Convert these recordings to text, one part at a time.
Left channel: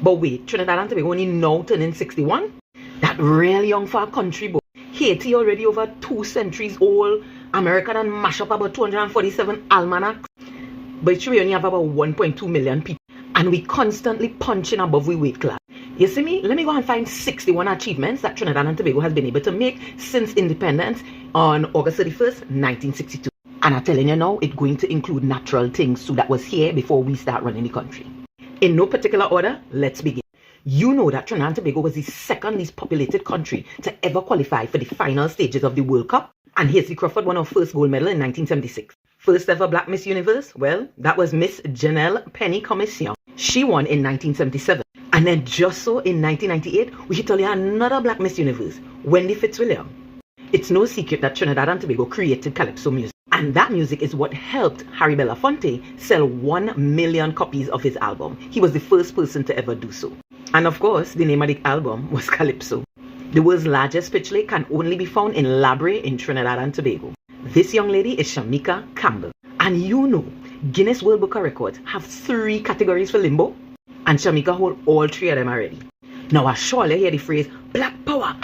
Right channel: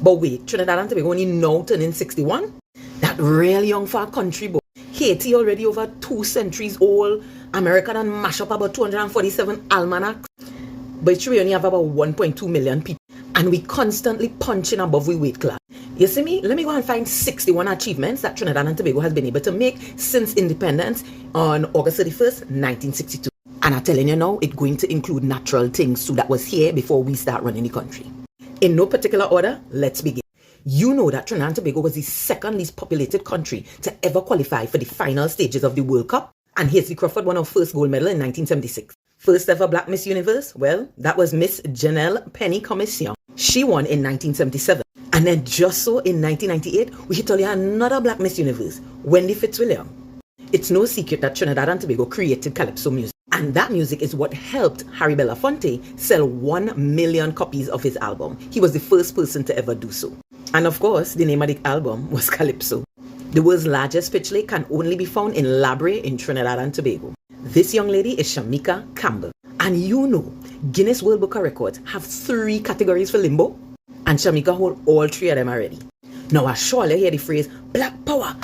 But wait, Trinidad and Tobago only now turning 61? That really young for a country, boy. Haiti already over 2 centuries old. America done mash up about 247 almanacs. But we only have about 1.2 million people. And we constantly punching above we weight class. You see me? Let me go and find 61 achievements that Trinidad and Tobago has been able to make since independence on August 31st, 1962. And I'm telling you now, it's going to include natural things too that was here before we start running the country. In no particular order, let's begin. You know that Trinidad and Tobago was the second least populated country to ever qualify for the final stages of the World Cup. And Hazley Crawford won our first gold medal in 1976. First ever Black Miss Universe, well, that was Miss Janelle Penny Commission. She won in 1977. And then just so in 1998, we hit only another Black Miss Universe, Wendy Fitzwilliam. It's no secret that Trinidad and Tobago created calypso music. And that music is what helped Harry Belafonte sell 1 million copies of his album. He was the first person to ever do so. And of course, the name of the album was Calypso. The world's largest pitch lake can only be found in Labre in Trinidad and Tobago. This young lady is Shamika Campbell. And you know, Guinness World Book of Records have 3 categories for limbo. And Shamika hold all 3 of them already. Now I surely hear the phrase, Black Power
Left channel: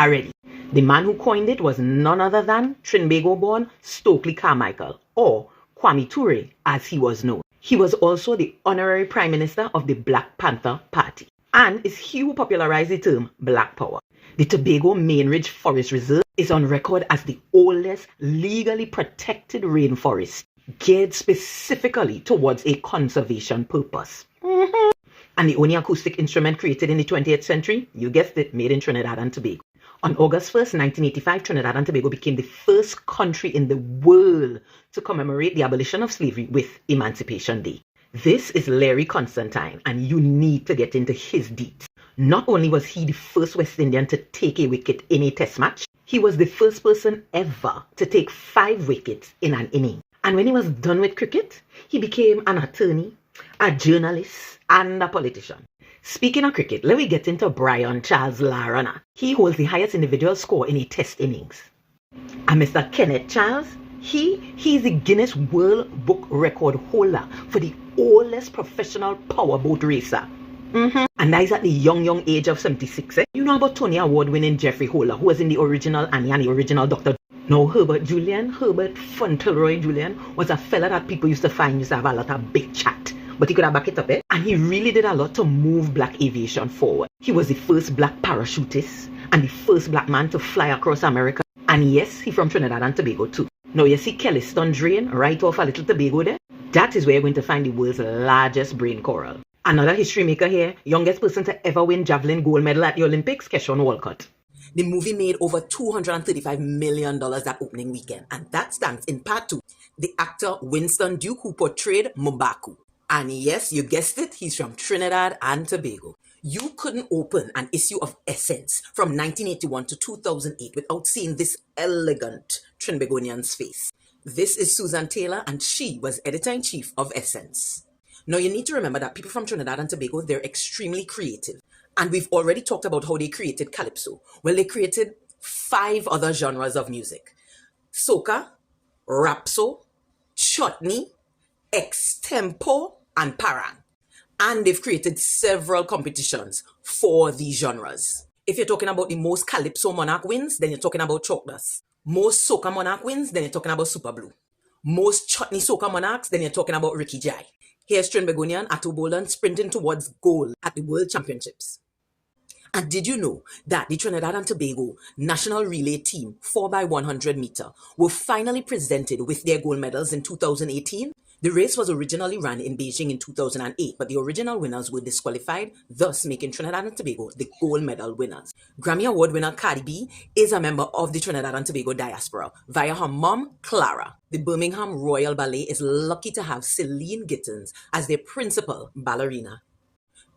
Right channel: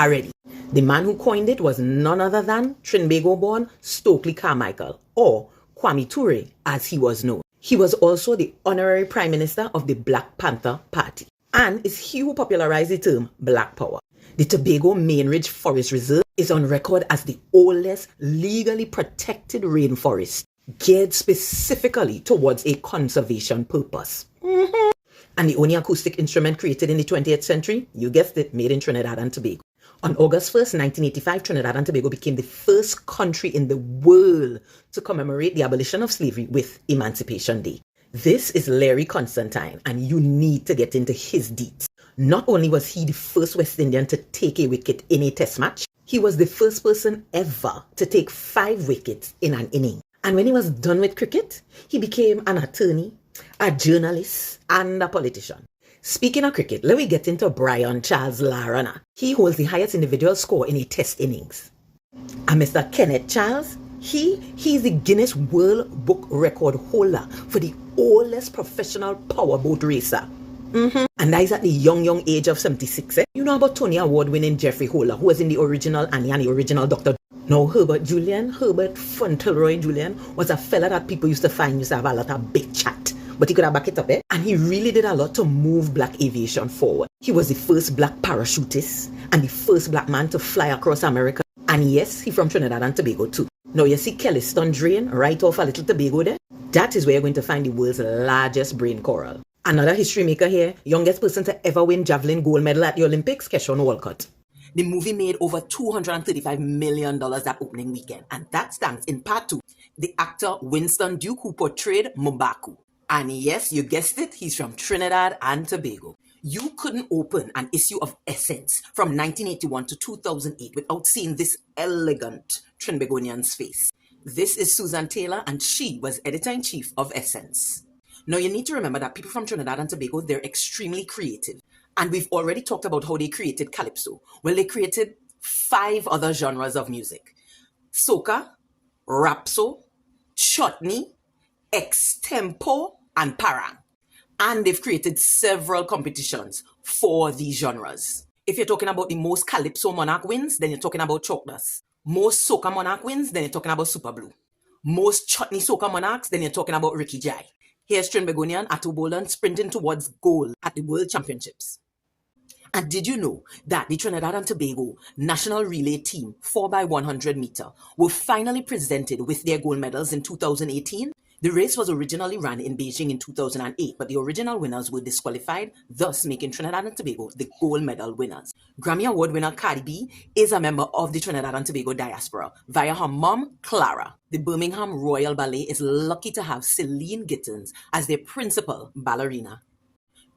already. The man who coined it was none other than Trinbago born Stokely Carmichael, or Kwame Ture as he was known. He was also the honorary Prime Minister of the Black Panther Party. And it's he who popularized the term Black Power. The Tobago Main Ridge Forest Reserve is on record as the oldest legally protected rainforest, geared specifically towards a conservation purpose. And the only acoustic instrument created in the 20th century, you guessed it, made in Trinidad and Tobago. On August 1st, 1985, Trinidad and Tobago became the first country in the world to commemorate the abolition of slavery with Emancipation Day. This is Larry Constantine, and you need to get into his deeds. Not only was he the first West Indian to take a wicket in a test match, he was the first person ever to take 5 wickets in an inning. And when he was done with cricket, he became an attorney, a journalist, and a politician. Speaking of cricket, let me get into Brian Charles Larana. He holds the highest individual score in a test innings. And Mr. Kenneth Charles, he's the Guinness World Book Record holder for the oldest professional powerboat racer. And that is at the young age of 76. You know about Tony Award-winning Jeffrey Holder, who was in the original Annie and the original Dr. Now, Herbert Fauntleroy Julian was a fella that people used to have a lot of big chat. But he could have back it up, And he really did a lot to move black aviation forward. He was the first black parachutist and the first black man to fly across America. And yes, he from Trinidad and Tobago too. Now you see Kellyston Drain right off a little Tobago there? That is where you're going to find the world's largest brain coral. Another history maker here, youngest person to ever win javelin gold medal at the Olympics, Keshawn Walcott. The movie made over $235 million that opening weekend. And that's thanks in part to the actor Winston Duke, who portrayed M'Baku. And yes, you guessed it, he's from Trinidad and Tobago. You couldn't open an issue of Essence from 1981 to 2008 without seeing this elegant Trinbagonian's face. This is Susan Taylor, and she was editor-in-chief of Essence. Now, you need to remember that people from Trinidad and Tobago, they're extremely creative. And we've already talked about how they created Calypso. Well, they created 5 other genres of music. Soca, Rapso, Chutney, Extempo, and Parang. And they've created several competitions for these genres. If you're talking about the most Calypso monarch wins, then you're talking about Chalk Dust. Most Soca monarch wins, then you're talking about Super Blue. Most Chutney Soca monarchs, then you're talking about Ricky Jai. Here's Trinbagonian Atto Boland sprinting towards gold at the World Championships. And did you know that the Trinidad and Tobago national relay team 4x100 meter were finally presented with their gold medals in 2018? The race was originally run in Beijing in 2008, but the original winners were disqualified, thus making Trinidad and Tobago the gold medal winners. Grammy Award winner Cardi B is a member of the Trinidad and Tobago diaspora via her mom, Clara. The Birmingham Royal Ballet is lucky to have Celine Gittins as their principal ballerina.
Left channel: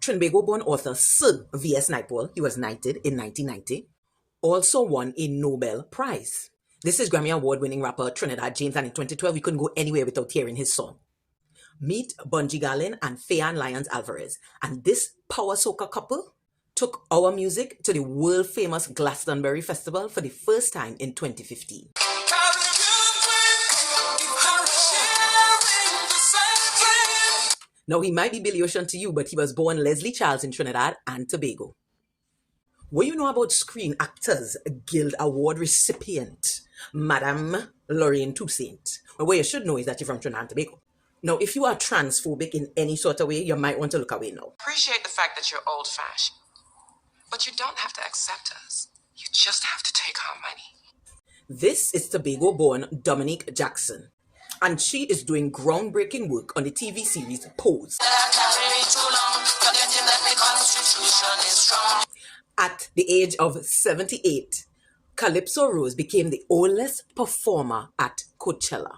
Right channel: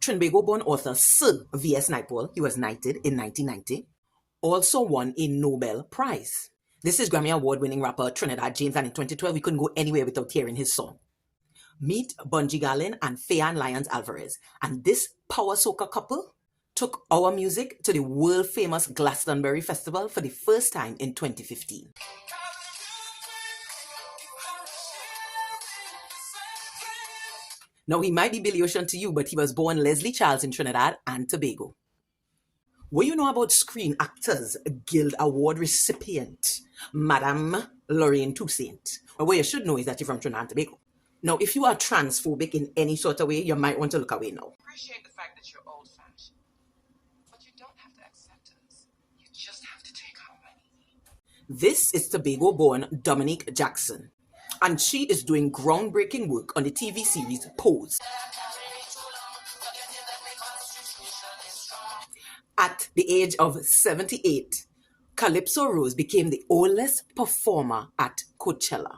Trinbago-born author Sir V.S. Naipaul, he was knighted in 1990, also won a Nobel Prize. This is Grammy Award-winning rapper Trinidad James, and in 2012, we couldn't go anywhere without hearing his song. Meet Bunji Garlin and Fayan Lyons Alvarez, and this power soca couple took our music to the world-famous Glastonbury Festival for the first time in 2015. Now, he might be Billy Ocean to you, but he was born Leslie Charles in Trinidad and Tobago. What do you know about Screen Actors Guild Award recipient, Madame Lorraine Toussaint? Well, what you should know is that you're from Trinidad and Tobago. Now, if you are transphobic in any sort of way, you might want to look away now. Appreciate the fact that you're old-fashioned, but you don't have to accept us. You just have to take our money. This is Tobago-born Dominique Jackson, and she is doing groundbreaking work on the TV series Pose. At the age of 78, Calypso Rose became the oldest performer at Coachella.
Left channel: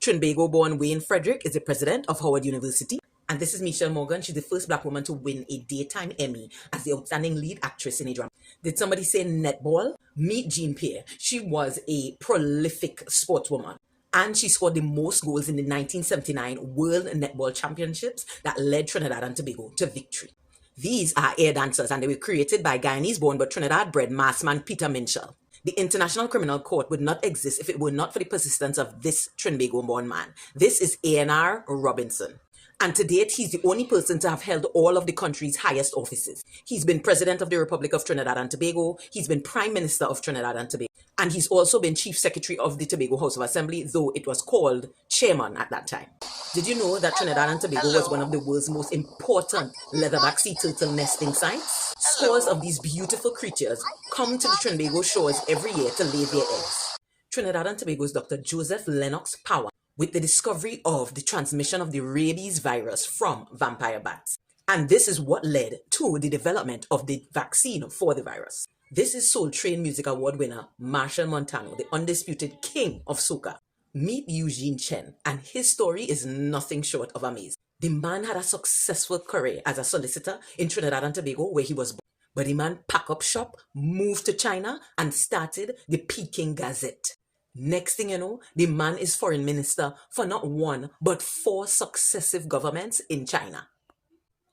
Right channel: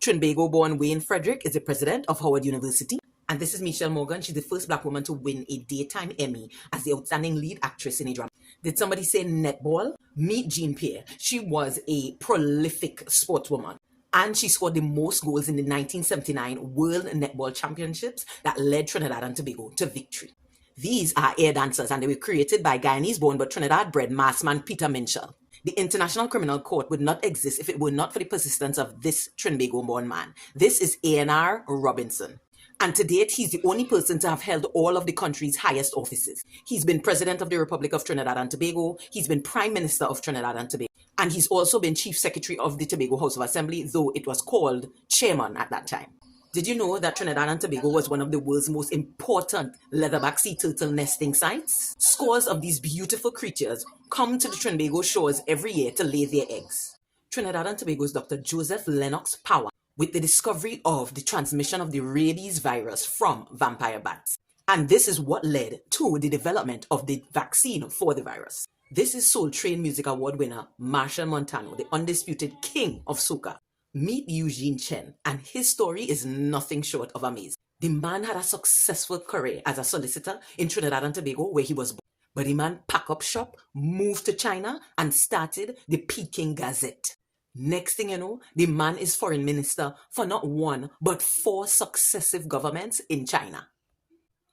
Trinbago-born Wayne Frederick is the president of Howard University. And this is Michelle Morgan. She's the first black woman to win a daytime Emmy as the outstanding lead actress in a drama. Did somebody say netball? Meet Jean Pierre. She was a prolific sportswoman. And she scored the most goals in the 1979 World Netball Championships that led Trinidad and Tobago to victory. These are air dancers, and they were created by Guyanese-born but Trinidad-bred massman Peter Minshall. The International Criminal Court would not exist if it were not for the persistence of this Trinbago-born man. This is A&R Robinson. And to date, he's the only person to have held all of the country's highest offices. He's been President of the Republic of Trinidad and Tobago. He's been Prime Minister of Trinidad and Tobago. And he's also been Chief Secretary of the Tobago House of Assembly, though it was called Chairman at that time. Did you know that Trinidad and Tobago was one of the world's most important leatherback sea turtle nesting sites? Scores of these beautiful creatures come to the Trinbago shores every year to lay their eggs. Trinidad and Tobago's Dr. Joseph Lennox Power with the discovery of the transmission of the rabies virus from vampire bats. And this is what led to the development of the vaccine for the virus. This is Soul Train Music Award winner Marshall Montano, the undisputed king of soca. Meet Eugene Chen, and his story is nothing short of amazing. The man had a successful career as a solicitor in Trinidad and Tobago where he was born. But the man packed up shop, moved to China, and started the Peking Gazette. Next thing you know, the man is foreign minister for not one, but 4 successive governments in China.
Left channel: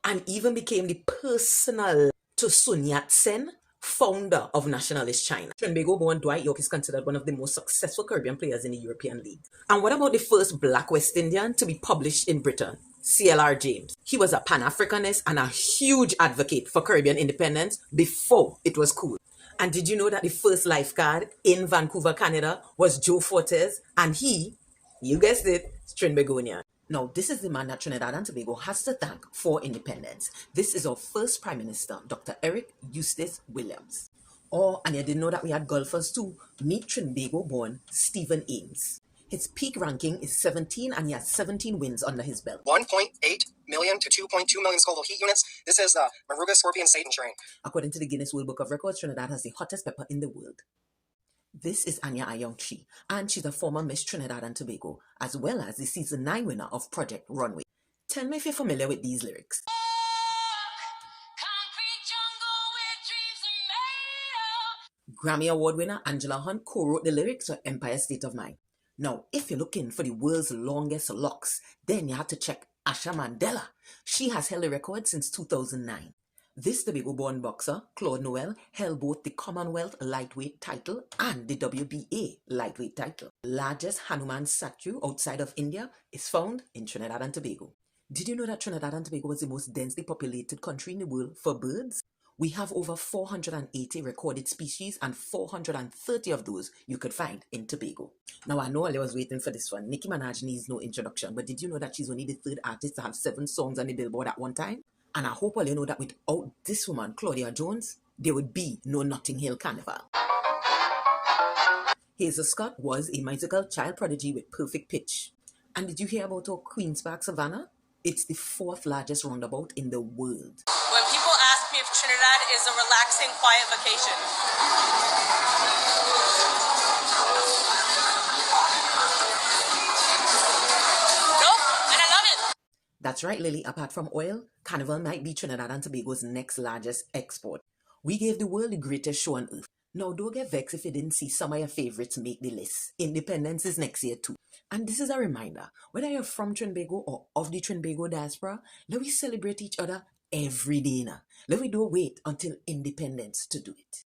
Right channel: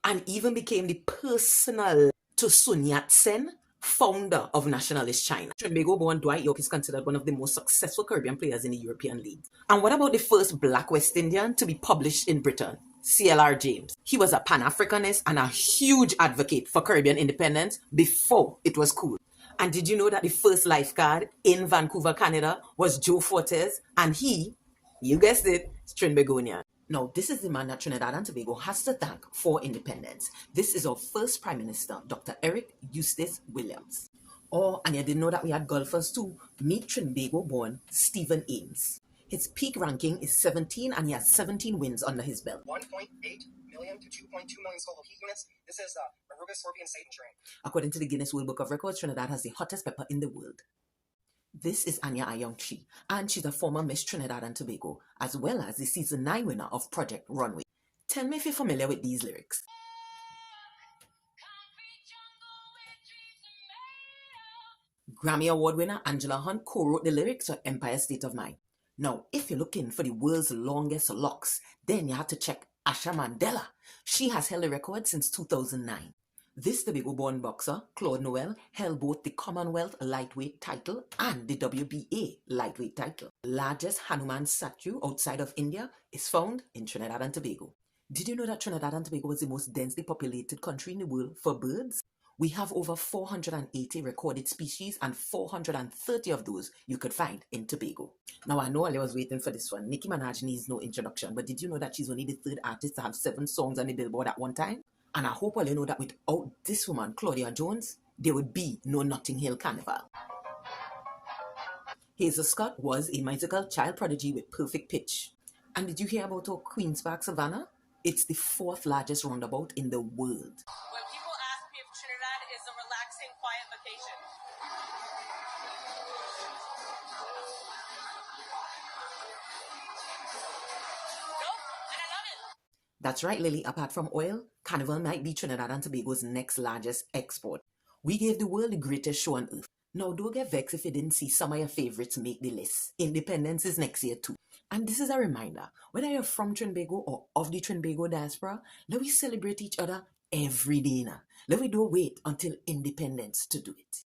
And even became the personal to Sun Yat-sen, founder of Nationalist China. Trinbago-born Dwight York is considered one of the most successful Caribbean players in the European League. And what about the first Black West Indian to be published in Britain? C.L.R. James. He was a Pan-Africanist and a huge advocate for Caribbean independence before it was cool. And did you know that the first lifeguard in Vancouver, Canada was Joe Fortes? And he, you guessed it, is Trinbagonian. Now, this is the man that Trinidad and Tobago has to thank for independence. This is our first Prime Minister, Dr. Eric Eustace Williams. Oh, and you didn't know that we had golfers too. Meet Trinbago-born Stephen Ames. His peak ranking is 17 and he has 17 wins under his belt. 1.8 million to 2.2 million Scoville heat units. This is the Maruga Scorpion Satan train. According to the Guinness World Book of Records, Trinidad has the hottest pepper in the world. This is Anya Ayong-Chi, and she's a former Miss Trinidad and Tobago, as well as the season 9 winner of Project Runway. Tell me if you're familiar with these lyrics. Grammy Award winner Angela Hunt co-wrote the lyrics for Empire State of Mind. Now, if you're looking for the world's longest locks, then you have to check Asha Mandela. She has held the record since 2009. This Tobago-born boxer, Claude Noel, held both the Commonwealth lightweight title and the WBA lightweight title. The largest Hanuman statue outside of India is found in Trinidad and Tobago. Did you know that Trinidad and Tobago was the most densely populated country in the world for birds? We have over 480 recorded species, and 430 of those you could find in Tobago. Now, I know I was waiting for this one. Nicki Minaj needs no introduction, but did you know that she's only the 3rd artist to have 7 songs on the Billboard at one time? And I hope all you know that without this woman, Claudia Jones, there would be no Notting Hill Carnival. Hazel Scott was a musical child prodigy with perfect pitch. And did you hear about our Queen's Park Savannah? It's the 4th largest roundabout in the world. When people ask me if Trinidad is a relaxing, quiet vacation, nope, and I love it. That's right, Lily. Apart from oil, Carnival might be Trinidad and Tobago's next largest export. We gave the world the greatest show on earth. Now, don't get vexed if you didn't see some of your favorites make the list. Independence is next year too. And this is a reminder, whether you're from Trinbago or of the Trinbago diaspora, let we celebrate each other every day now. Let we don't wait until independence to do it.